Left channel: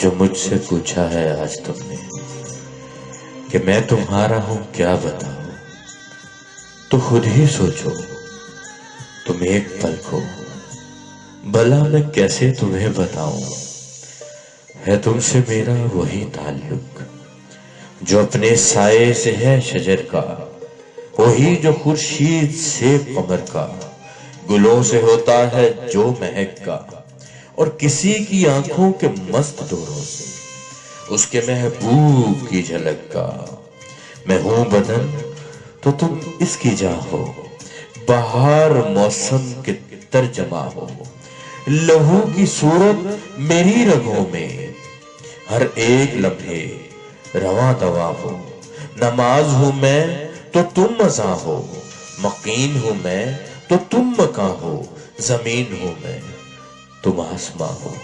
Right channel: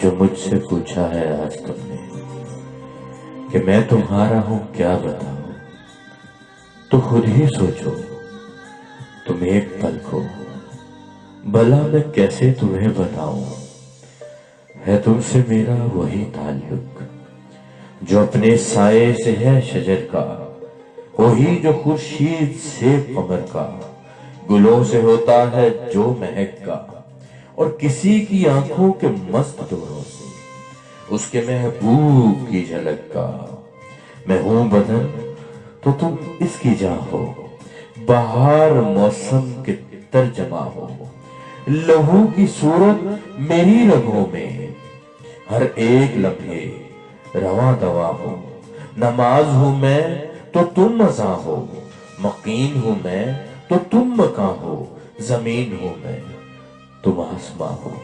جو مجھ سے پوچھا ہے آج تم نے کہ میں تمہارا ہوں کیا بتاؤں، تو خود ہی سوچو تم ایک پل کو، بھلا میں کیسے تمہیں بتاؤں۔ ہے تم سے میرا وہی تعلق جو اپنے سائے سے ہے شجر کا، وہی جو خورشید سے قمر کا، گلوں سے ہوتا ہے جو مہک کا، اور کسی کی آنکھوں کے مست ڈوروں سے اس کے محبوب کی جھلک کا۔ میں ہوں بدن تو تم اس کی جاں ہو، بہار موسم کے ترجمہ ہو، لہو کی صورت میری رگوں میں، ہر ایک لمحے رواں دواں ہو۔ نماز ہوں میں تو تم اذاں ہو، مقیم ہوں میں تو تم مکاں ہو، زمین ہوں میں تم آسماں ہو۔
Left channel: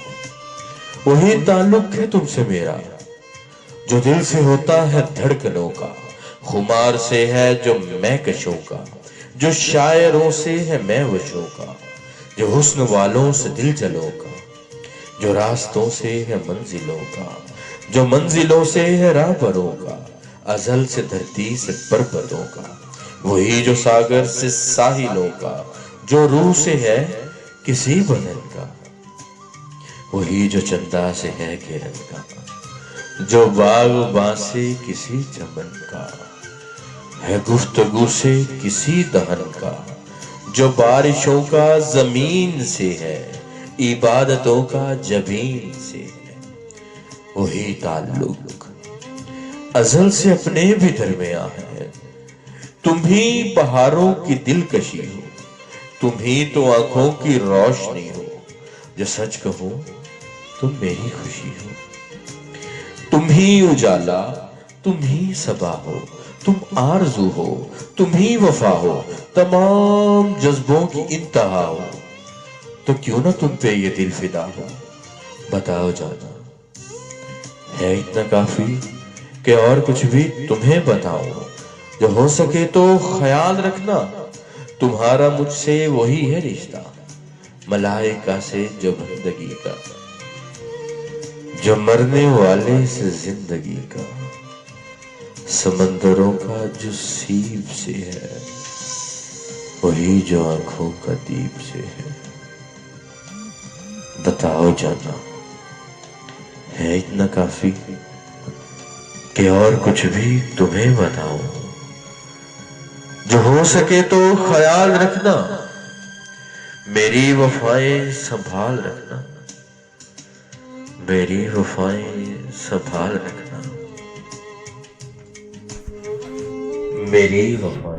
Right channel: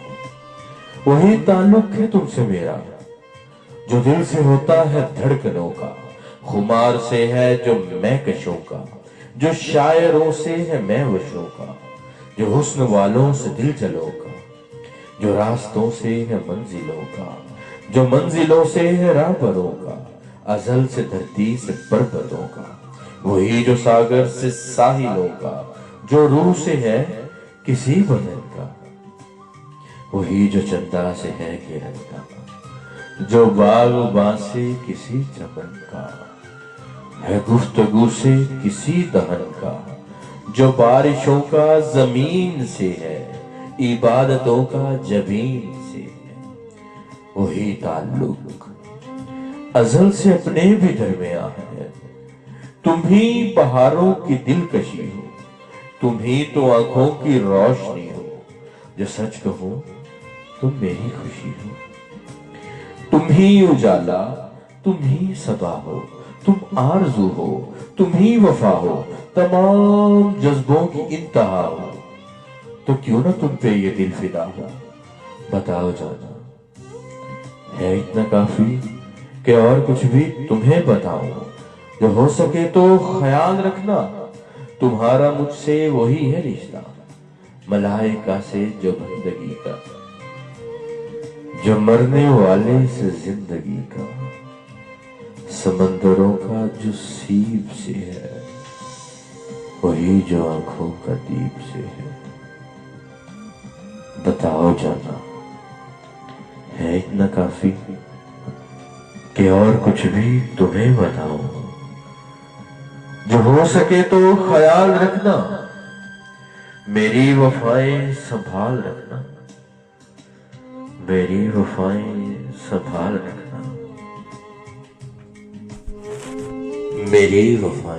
وہی تعلق ہے تم سے میرا جو دل سے ہوتا ہے دھڑکنوں کا، خمار سے ہے جو میں کشوں کا، جو شاعروں سے ہے میں وشوں کا، جو حسن والوں سے دل جلوں کا، جو راستوں سے ہے منزلوں کا، جو منزلوں سے ہے راہبروں کا، ازل سے دھرتی سے پربتوں کا، وہی جو ساگر سے ساحلوں کا، جو روح سے ہے کسی بدن کا، وہی جو چندا سے ہے کرن کا، جو باغ سے کسی چمن کا، ہے گفتگو سے کسی دہن کا، جو بارشوں کا زمین سے ہے، عبادتوں کا جبین سے ہے۔ وہی تعلق ازل سے اپنے بھی درمیان ہے، تم ہی بہاروں کی دلکشی ہو، تم ہی تو آنکھوں کی روشنی ہو، جو سچ کہو تم میری خوشی ہو، تم ہی اجالا تم ہی صبا ہو، تم آرزو ہو تم ہی وفا ہو، تمام جذبوں کی انتہا ہو، تو کیوں نہ تم پہ یہ دل فدا ہو۔ بتاؤ جانا ہے اتنا کافی کہ اور کچھ بھی تمہیں بتاؤں، جو ہو سکے تو خیال رکھنا تمہارا مجھ سے وہی ہے رشتہ، ملائکہ سے جو بندگی کا، جو مرنے والے سے زندگی کا، سمندروں کا جو سیب سے ہے، وہی جو آنکھوں کا دیپ سے ہے۔ بتاؤ جانا ہے اتنا کافی کہ اور کچھ بھی تمہیں بتاؤں، جو ہو سکے تو خیال رکھنا، میری وفائیں سنبھال رکھنا، میری وفائیں سنبھال رکھنا، میری وفائیں